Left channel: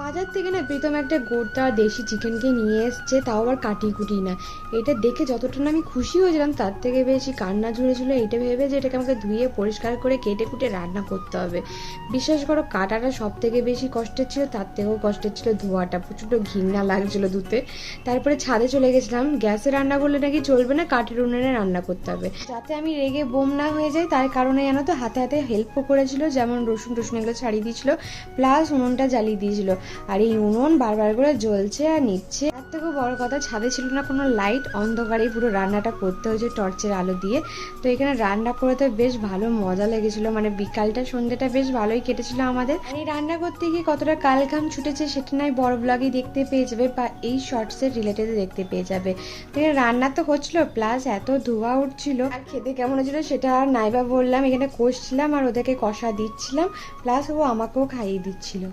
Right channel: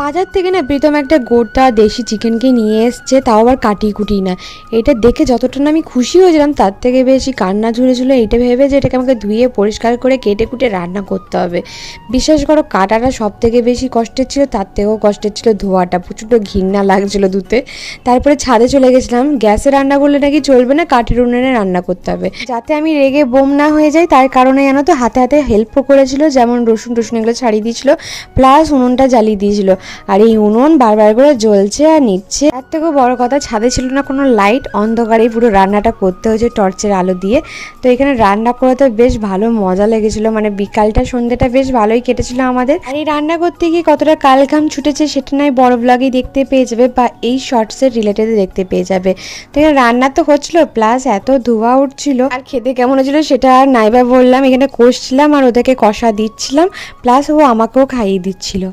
বাজার থেকে না প্রীতম একটা গোটা দেশি চিকেনকে নিয়ে এসছে, তাও আবার কাটি কুটি না। এটা দেখে যতটা না আমি খুশি হয়েছিলাম তার থেকে বেশি কান্না ঝুরেছিল এইটা ভেবে যে এটাকে আমাকে ধুয়ে পরিষ্কার করে কেটে কুটে রান্না করতে হবে। বিশ্বাস করো কাটাটা সব থেকে বেশি কষ্টের ছিল, তার থেকেও কষ্টের ছিল ধোয়াটা, প্রচণ্ড ঘৃণা লাগছিলো ধুতে। তারপরে ছাদে চলে গেছিলাম, গ্যাসে রান্না করলে নাকি চলবে না, কাঠের উনুনে রান্না করতে হবে, যাতে আমি রেগে বোম না হয়ে যাই তার কারণে জানো তো হাতে হাতে হেল্পও করেছিল, যেমন রসুন টসুন এগুলো ছাড়িয়ে দিয়েছিল, প্লাস উনুনটা জ্বালিয়ে দিয়েছিল। আর এই উনুন বারবার করে জ্বলছে আর নিচ্ছে। তার থেকেও বড় কথা, ছাদে ছিল না কোনো লাইট, অন্ধকারেই পুরো রান্নাটা করতে হয়েছে টর্চের আলো দিয়ে। তো এখানে রান্না করতে বেশ ভালো মজা লেগেছিল, মানে বিকালটা সন্ধ্যেটা বেশ ভালোই কেটেছিল আমাদের। আর এই রান্না করতে গিয়ে কতটা কালঘাম ছুটেছে সেটা নয় বড় ব্লগেই দেখতে পেয়ে যাবে, বা এই শর্টসের রিলেটেড দেখতে পেয়ে যাবে। তো এখানে রান্না তো হচ্ছিল, প্লাস এত ধোঁয়া উঠছিল, আর খেতে কেমন হচ্ছিল সেটা আর নাইবা বললাম। এখানে কষছিলাম আর ওদেরকে কষা দিচ্ছিলাম, প্লাস ও আমাকেও খাইয়ে দিচ্ছিল।